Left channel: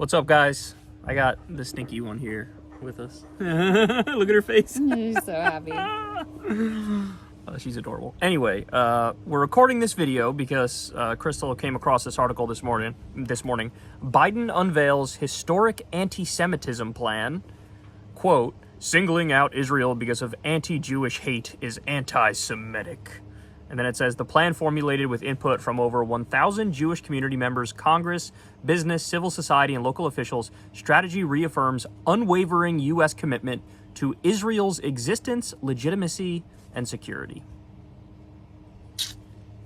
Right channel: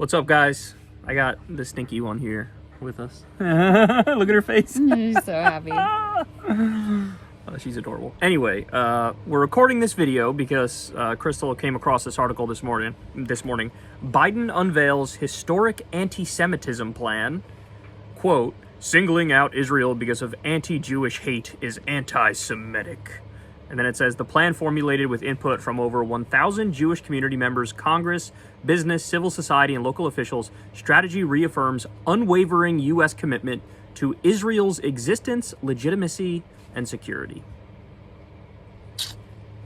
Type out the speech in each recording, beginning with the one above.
What's up, guys? I got the stinky one here with us. Look at her face. She's so happy. She's adorable. Anyway, we're recording this video because Crystal came across this article this morning. Biden unveils historic anti-Semitism plan. Quote, singling out Israel because of anti-Jewish hate is anti-Semitic. And then it says, the plan formulated with input from over 1,000 Jewish community members, Congress, business, civil society, and local officials, strategy reaffirms unwavering U.S. commitment to Israel's existence, legitimacy, and security.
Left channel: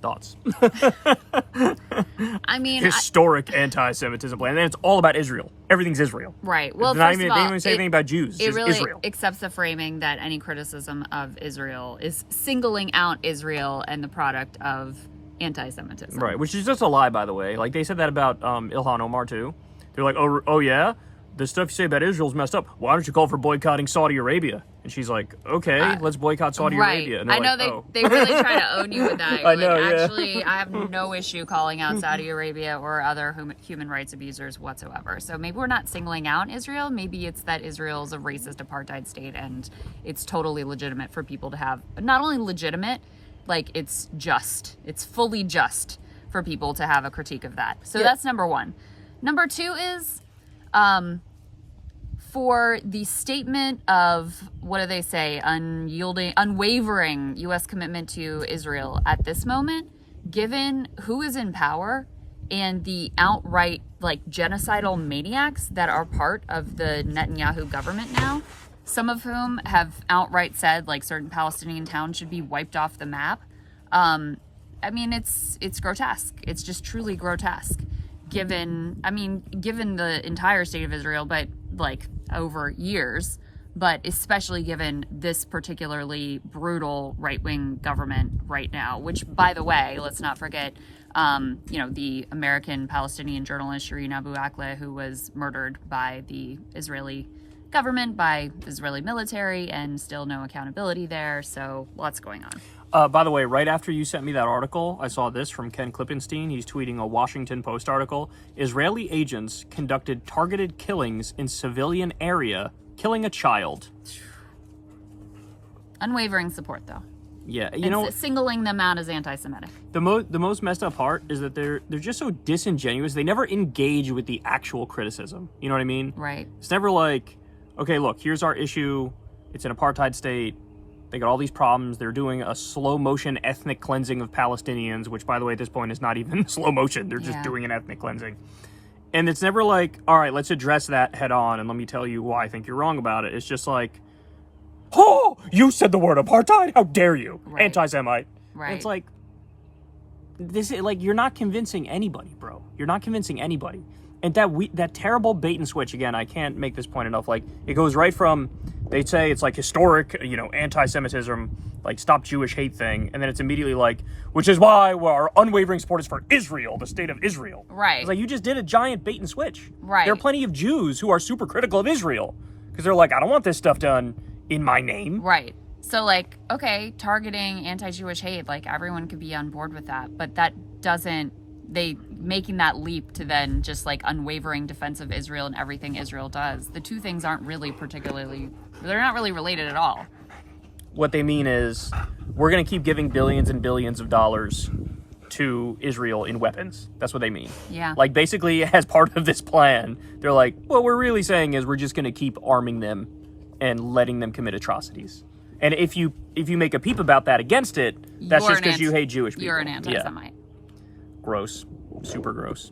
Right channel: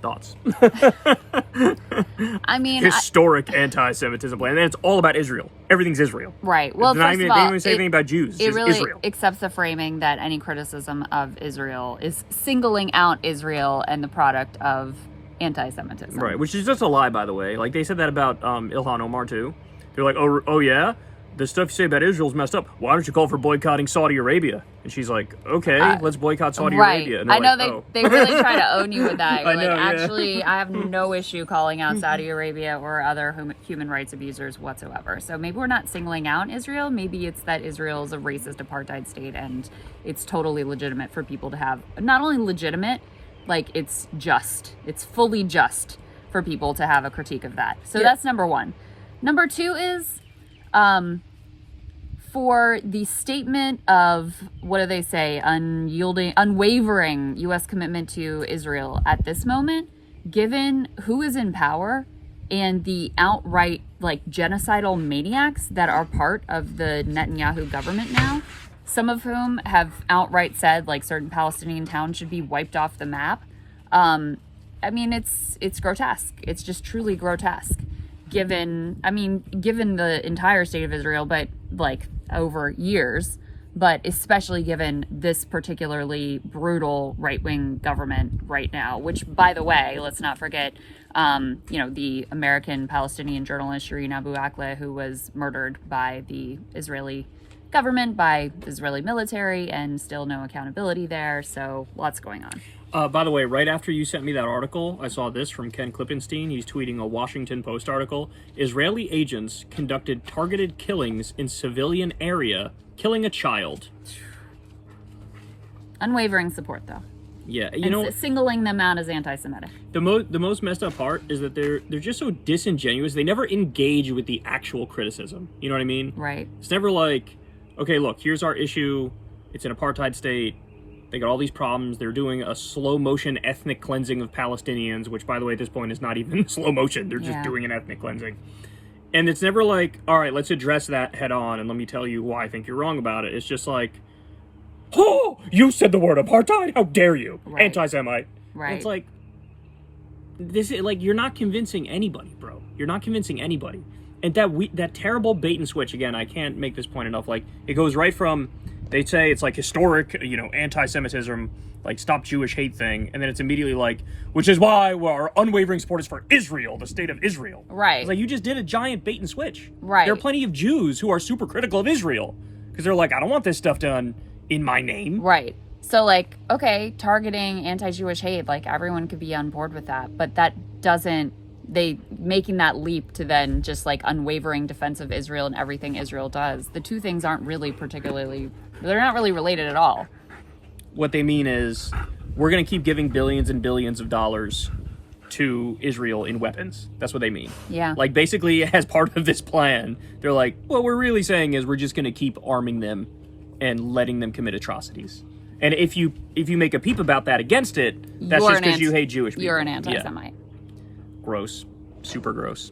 Thoughts? I mean, historic anti-Semitism plan. And it's all about Israel. Everything's Israel. Right. Well, They first of all, don't even say anything about Jews. It really Israel. accepts the framing that any criticism of Israel is singling out Israel and the product of anti-Semitism. Right, which is just a lie, by the way. Like, they said that about Ilhan Omar, too. They're like, oh yeah? The stuff you say about Israel's messed up. Why don't you call for boycotting Saudi Arabia? And she's like, okay, let's boycott Saudi Arabia. And I know like, they really try to own you with that. You're like, I know, yeah. actually, I have no issue calling out Saudi Arabia or other human rights abusers whatsoever. So maybe we're not singling out Israel. Maybe it's that Israel's a racist apartheid state and it's totally legitimate for people to have, not only legitimate, like it's fully just for people to have a critique of that. So that's number one. Number two is, for the statement of, what do they say, unwavering U.S. commitment to Israel at this moment, given who is in power and the outright, like, genocidal maniacs that are part of the Netanyahu government now, some of whom have outright said, like, certain Palestinian towns should be wiped off the map. I mean, it's grotesque. It's just truly grotesque. Given the entire state of Israel, but like over years, but especially given this particularly brutal right-wing government right now, which, by the way, let's not forget, the American Palestinian journalist Shireen Abu Akleh, who was murdered by the Israeli government, by the Israeli military, and still no accountability there. So lots going on. By the way, right after you sent me that article, I saw this from Ken Klippenstein. He's tweeting a Washington Post article. Israeli agents conducted targeted killings in civilian area, killing a child. Unwavering support, though. Yeah, singling them out as anti-Semitic. The most messed up part is that they're just so disingenuous. They never engage with the actual criticism. You know what I mean? Right. It's never like, okay, look, here's our issue. It's an apartheid state. They got all these problems. They're doing a slow motion ethnic cleansing of Palestinians, which, by the way, at this point is not even slow motion. They're just doing an ethnic cleansing. And it's never like, all right, let's address that head on and let me tell you why I think you're wrong about it. It's just like, oh, you said the word apartheid? How dare you? Right. Anti-Semite. Right. And it's like, this is like, you're not convincing anybody, bro. You're not convincing anybody. And that terrible bait and switch, again, I can't make this point enough. Like, it goes right from, they say it's like historic, anti-Semitism, like stop Jewish hate thing. And then it's immediately like, which is why our unwavering support is for Israel, the state of Israel. Right. It's like, you just did a giant bait and switch. Right. There are plenty of Jews who are super critical of Israel because they're like, I don't want this stuff done in my name. Right. So, like, okay, targeting anti-Jewish hate, like, everyone could be on board with that. But that doesn't, making that leap to then just, like, unwavering defense of Israel and everything Israel does. The two things aren't really they're not really related at all. What they mean is, we're going to keep giving billions and billions of dollars to Israel in weapons. That's what they mean. Yeah. Like, basically, as part of this plan, they're like, what we're really saying is we're just going to keep arming them and letting them commit atrocities. And if you make a peep about that against it, that's just because you hate Jewish people. You're an anti-Semite. Yeah. Gross. Super gross.